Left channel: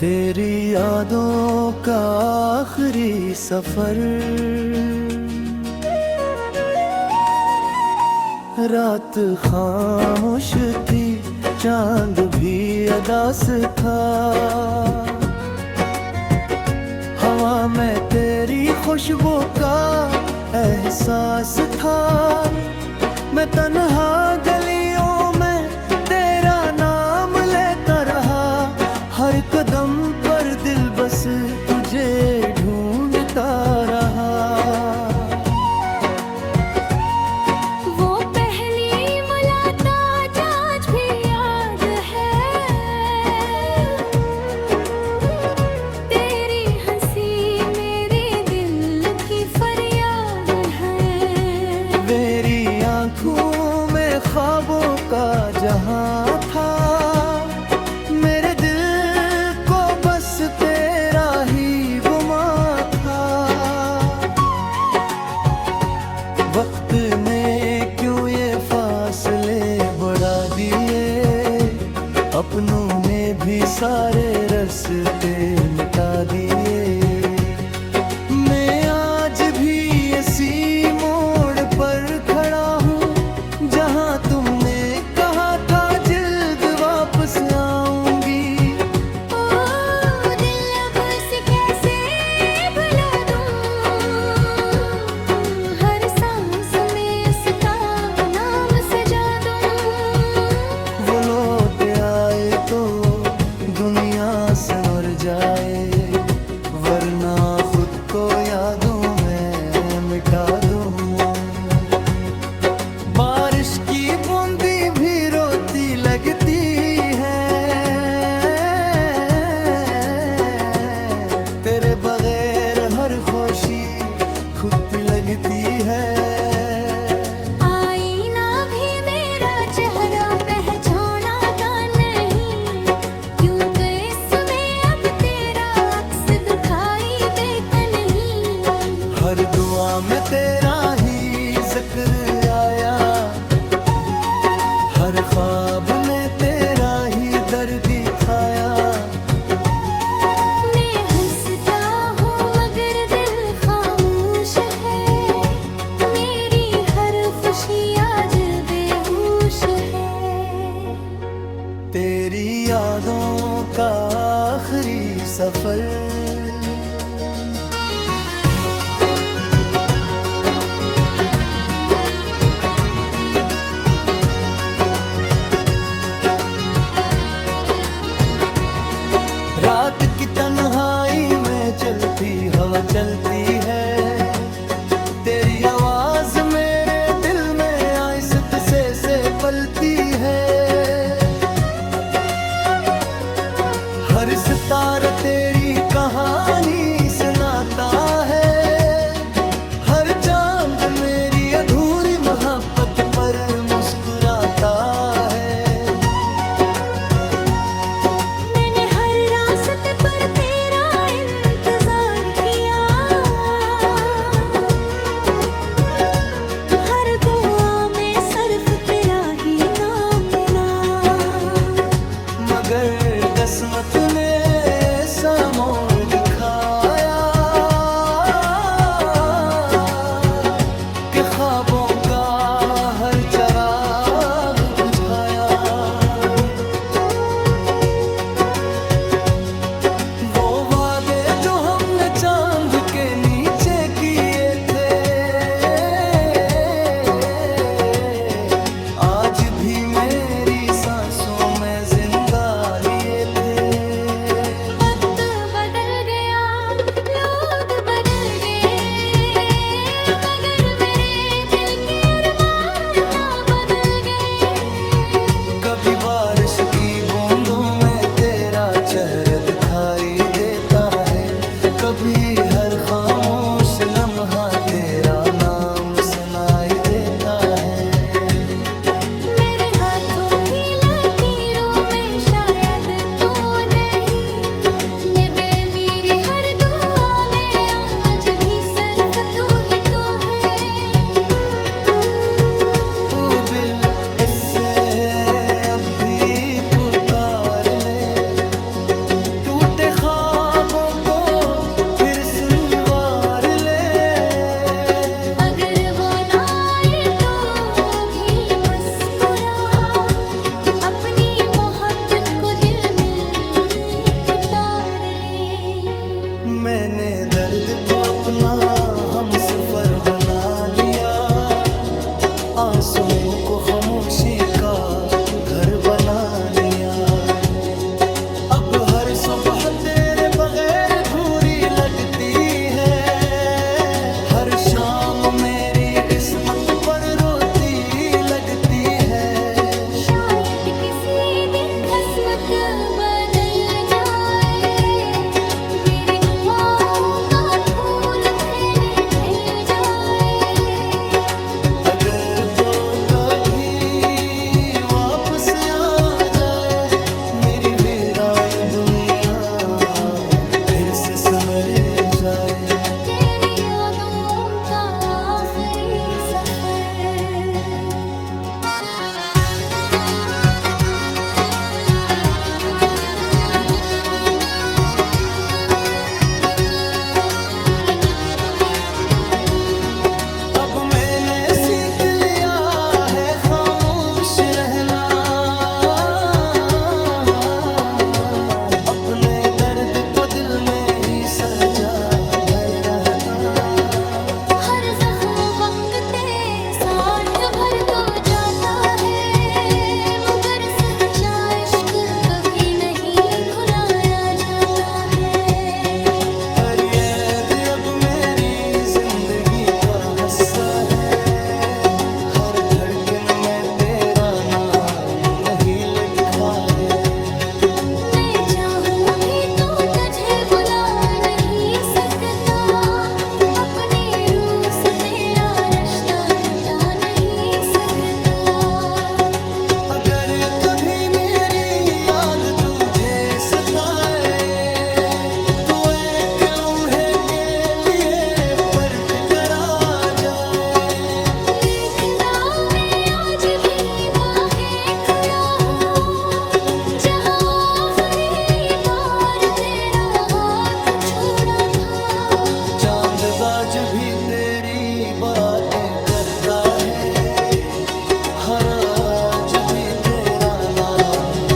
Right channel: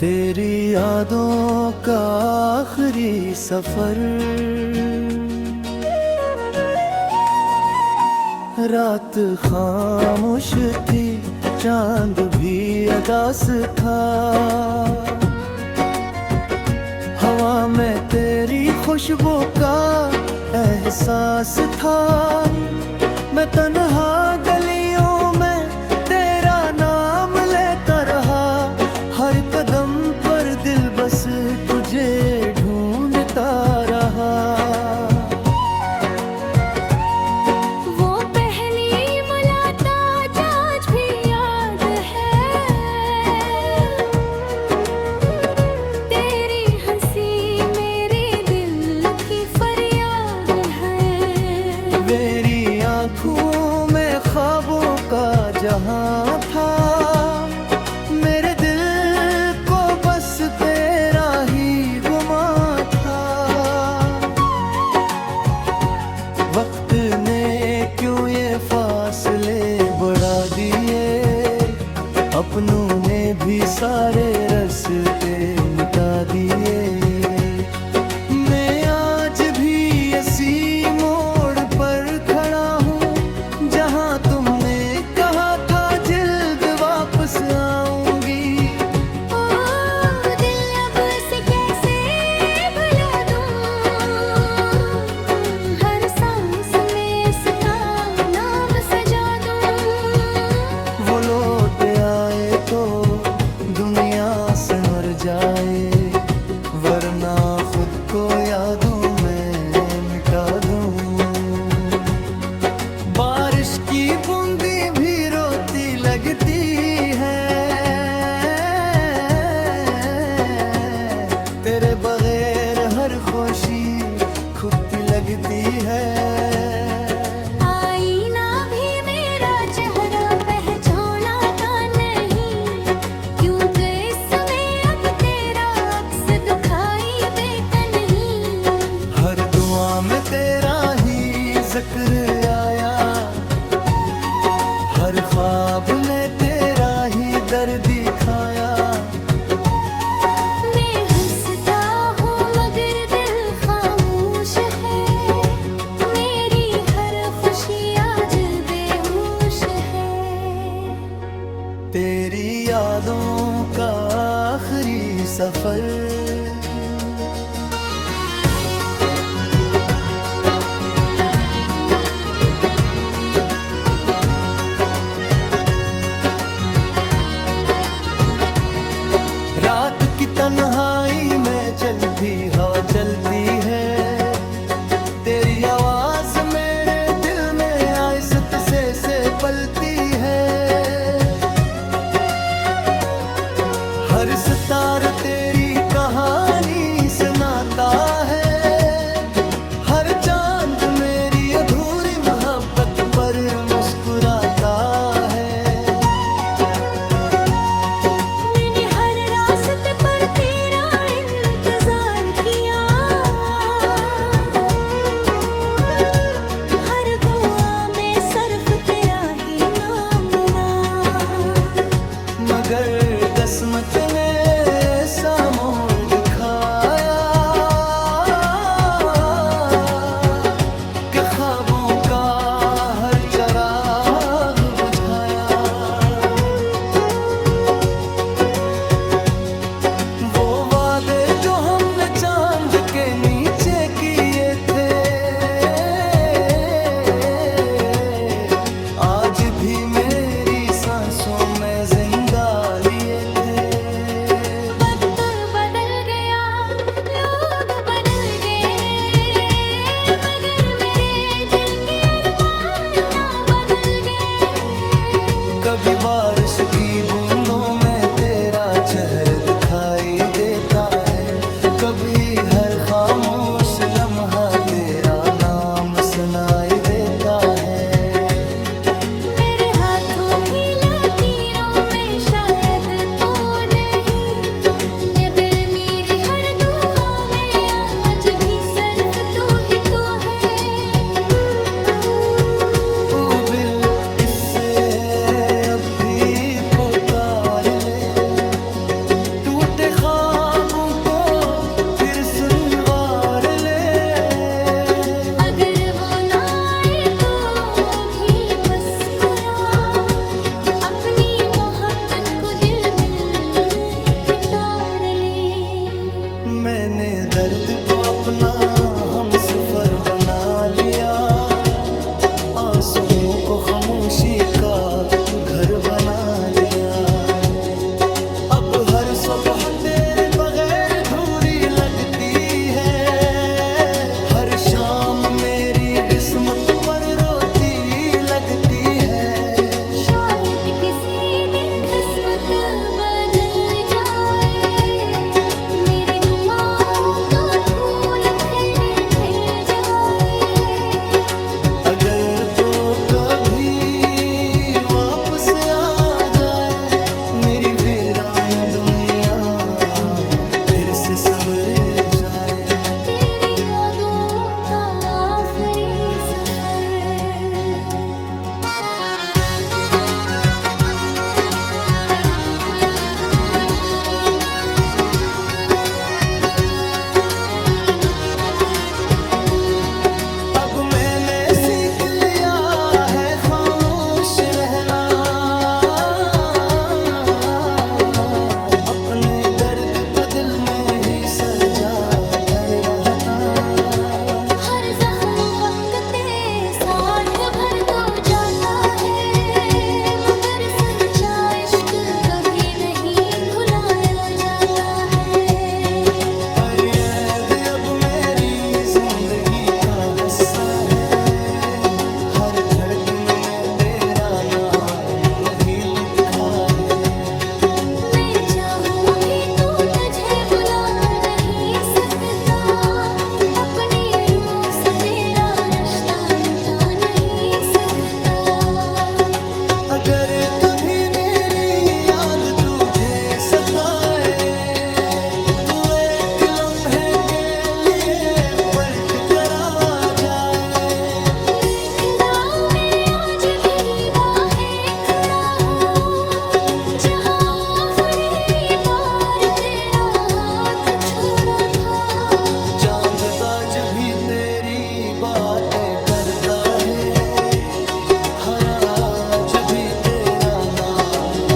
तेरी यादों का आखिरी सफर, रात खामोश थी, चांद भी अदास था। हवा में तेरी खुशबू का एहसास था। मैं तन्हा गलियों में तेरा नाम लेता रहा। हर कदम पर दिल बस तुझे ढूंढता रहा। वो पहली मुलाकात आज भी याद है। तेरी हंसी मेरे दिल की फरियाद है। मेरी आँखों में ख्वाबों का जहां था। मेरे दिल को बस तेरा ही गुमा था। वक्त ने क्यों ये फासले बढ़ा दिए। अपनों ने भी सारे रास्ते मिटा दिए। मैं आज भी इसी मोड़ पर खड़ा हूँ, जहाँ तुमने कहा था जल्द वापस आऊंगी। ओ दिल अब से कैसे भुला दूं। हर सांस में इसका नाम सजा दूं। वो लौट आए तो दुनिया से मर जाए, वरना खुद को यादों में मिटा दूं। बारिश की बूंदी भी रोती लगती है। तेरे बगैर हर खुशी खुद लगती है। आईना भी मेरा चेहरा पहचाना नहीं, क्योंकि इसमें अब तेरा अक्स दिखाई देता नहीं। हर दुआ में तेरा ही जिक्र आया। हर ख्वाब में तेरा ही दर्द दिखाया। मैं हंसता हूँ मगर दिल खामोश है। मेरी हर खुशी आज बेहोश है। तेरी यादों का आखिरी सफर, रात की तन्हाई में चलती हवा चलती है। तेरी आवाज मेरे दिल में आहिस्त से पलती है। हर सितार तेरी कहानी सुनाता है। हर चांद मेरी अधूरी मोहब्बत पर मुस्कुराता है। मगर किस्मत ने ऐसा मोड़ दिखाया कि ख्वाबों का हर चिराग बुझाया। वो वादे जो हमने चांद के नीचे किए थे, आज भी मेरी सांसों में जिंदा लिए थे। वक्त बदल गया, लोग बदल गए, मगर मेरे दिल के अरमान ना बदल गए। कभी बारिश की बूंदों में तेरा चेहरा दिखाई देता है। कभी हर खामोश लम्हा तेरा नाम सुनाई देता है। मेरे हाथों की लकीरों में शायद तो नहीं, नबे मेरी हर दुआ में आज भी सिर्फ तू ही तो है। तू बिल इससे अब भी पुकार ले, टूटे दर्द को अपना हम सफर बना लिया, आंसुओं को खामोशी का घर बना लिया। अब हर सुबह तेरे बगैर अधूरी लगती है, हर शाम मेरी किस्मत पर रोती लगती है। शायद किसी दिन किस्मत बदल जाए, मेरी दुआओं का फूल खिलने मिल जाए। अगर तो कभी वापस आ जाए मेरी वीरान दुनिया, फिर से संवर जाए तेरी यादों का आखिरी सफर। अब मैंने सीख लिया है खामोश रहना, अपने दर्द को दिल में ही सजा भर रहता। हर जख्म वक्त साथ भर तो जाता है, मगर सच्चा इश्क कभी नहीं भुलाया जाता है। और ये भी अब मेरी जिंदगी का हिस्सा है, हर धड़कन में तेरा नाम ही लिखा है। मैं चाहूं भी तू तुझे बुला नहीं सकता, अपनी रूह से तेरा रिश्ता मिटा नहीं सकता। अगर कभी मेरी याद तुझे सताए, तू एक लम्हे के लिए पलट कर आ जाए। मेघरा में आज भी बाहें खड़ा हूँ, जहाँ आखिरी बार तेरा हाथ छोड़ा था। चांद आज भी तेरी बातें करता है, हर आज भी तेरा नाम